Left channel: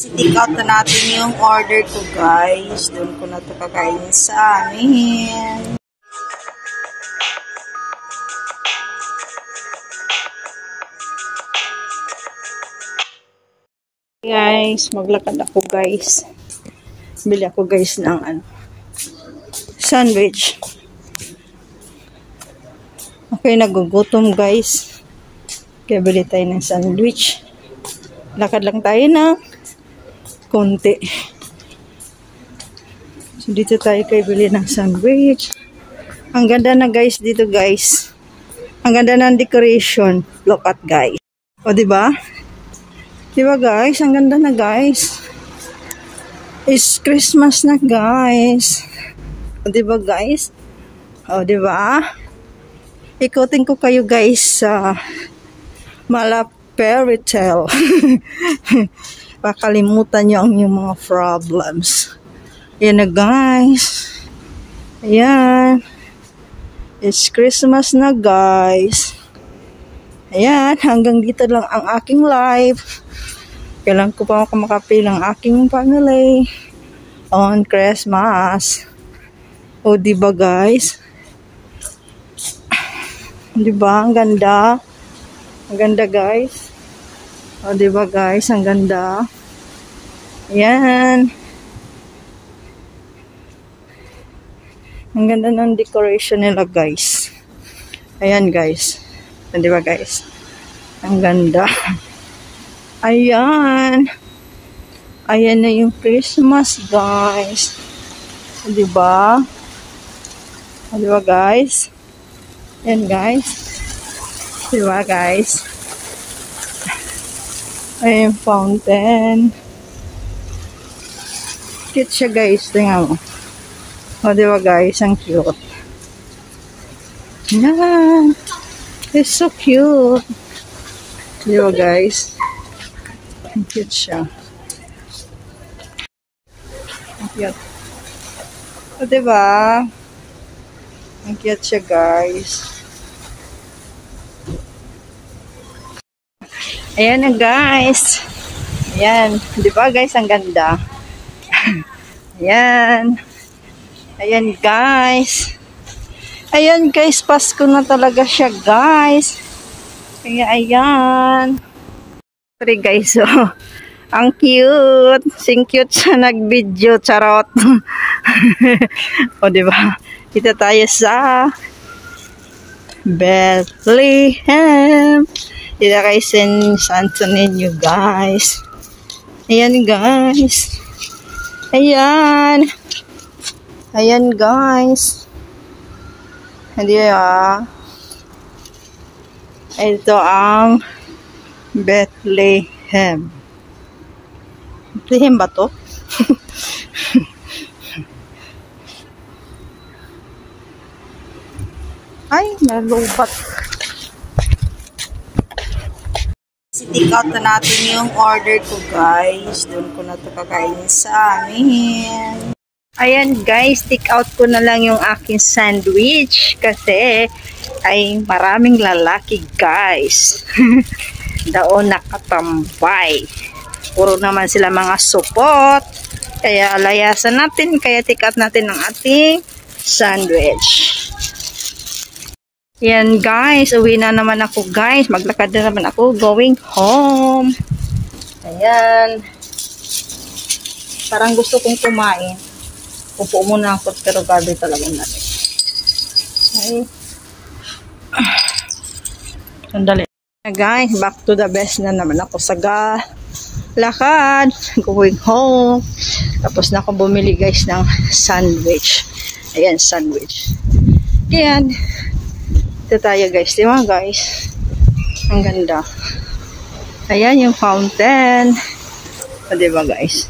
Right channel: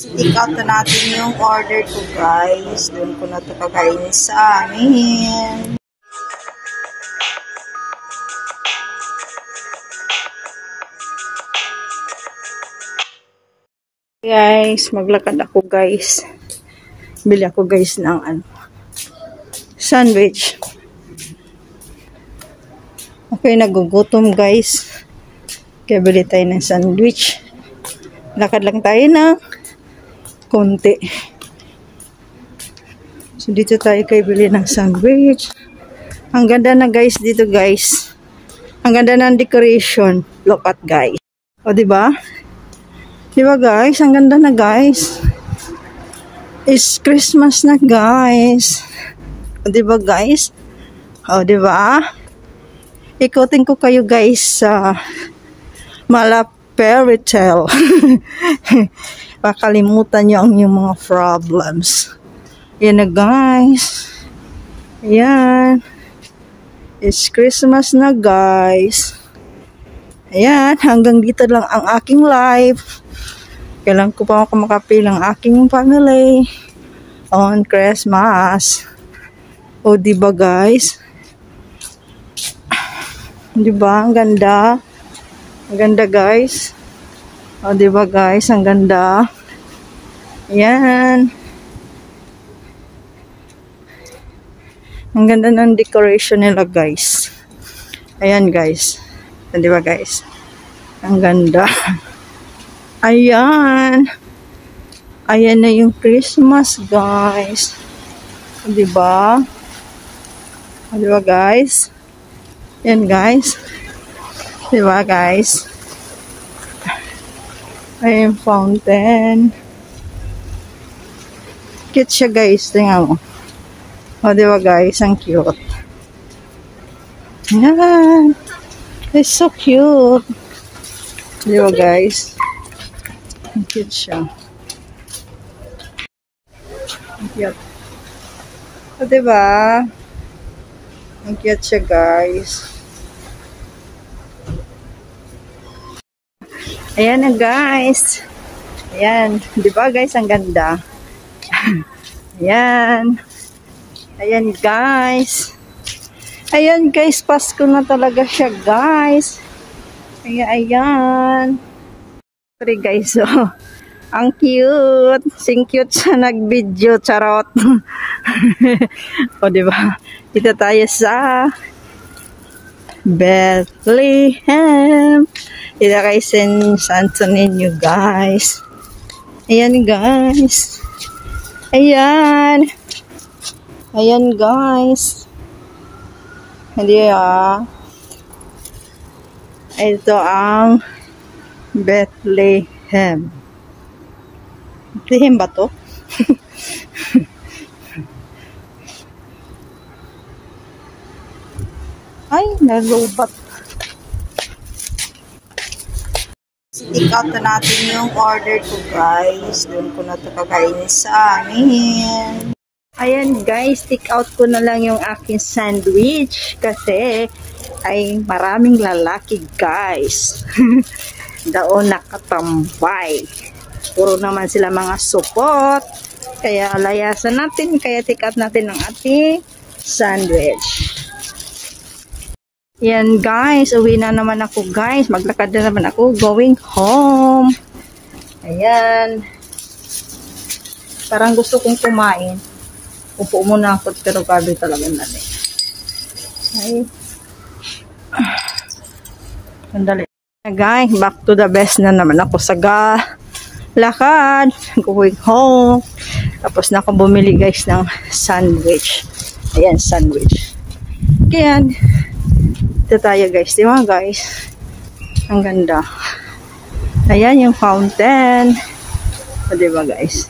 Stick out na natin yung order ko, guys. Doon ko na ito kakainin sa amin. Guys, maglakad ako, guys. Bili ako, guys, ng sandwich. Okay, nagugutom, guys. Kaya bili tayo ng sandwich. Lakad lang tayo ng konti. So, dito tayo kayo bili ng sandwich. Ang ganda na, guys, dito, guys. Ang ganda ng decoration. Look at, guys. O, diba? Diba, guys? Ang ganda na, guys. It's Christmas na, guys. O, diba, guys? O, diba? Ikutin ko kayo, guys, sa Fairy Tale. Pakalimutan niyo ang inyong mga problems. Yan na, guys. Ayan. It's Christmas na, guys. Ayan. Hanggang dito lang ang aking live. Kailan ko pa makapil ang aking family on Christmas. O, diba, guys? Diba? Ang ganda. Ang ganda, guys. O, diba, guys? Ang ganda. Ayan. Ang ganda ng decoration nila, guys. Ayan, guys. O, diba, guys? Ang ganda. Ayan. Ayan na yung Christmas, guys. O, diba? O, diba, guys? Ayan, guys. Diba, guys? Ayan, fountain. Cute siya, guys. Tingnan mo. O, diba, guys? Ang cute. Ayan. It's so cute. Diba, guys? Ang cute siya. Ang cute. O, diba? Ang cute siya, guys. Ayan na, guys. Ayan. Diba, guys? Ang ganda. Ayan. Ayan, guys. Ayan, guys. Pasko na talaga siya, guys. Kaya, ayan. Sorry, guys. Oh. Ang cute. Sing cute siya nag-video. Charot. O, diba? Dito tayo sa Bethlehem. Dito kayo San Antonio, guys. Ayan, guys. Ayan. Ayan, guys. Hindi, ito ang Bethlehem. Bethlehem ba to? Ay, nalubat. Stick out na natin yung order ko, guys. Doon ko na ito kakainin sa amin. Ayan, guys. Stick out ko na lang yung aking sandwich. Kasi ay maraming lalaki, guys. Daon nakatambay. Puro naman sila mga supot. Kaya layasan natin. Kaya stick out natin ang ating sandwich. Yan, guys, uwi na naman ako, guys. Maglakad na naman ako going home. Ayan. Parang gusto kong kumain. Upo muna ako, pero gabi talaga natin. Ay. Sandali. Guys, back to the best na naman ako sa lakad. Going home. Tapos na ako bumili, guys, ng sandwich. Ayan, sandwich. Ayan. Ito tayo, guys. Diba, guys? Ang ganda. Ayan yung fountain. O, diba, guys?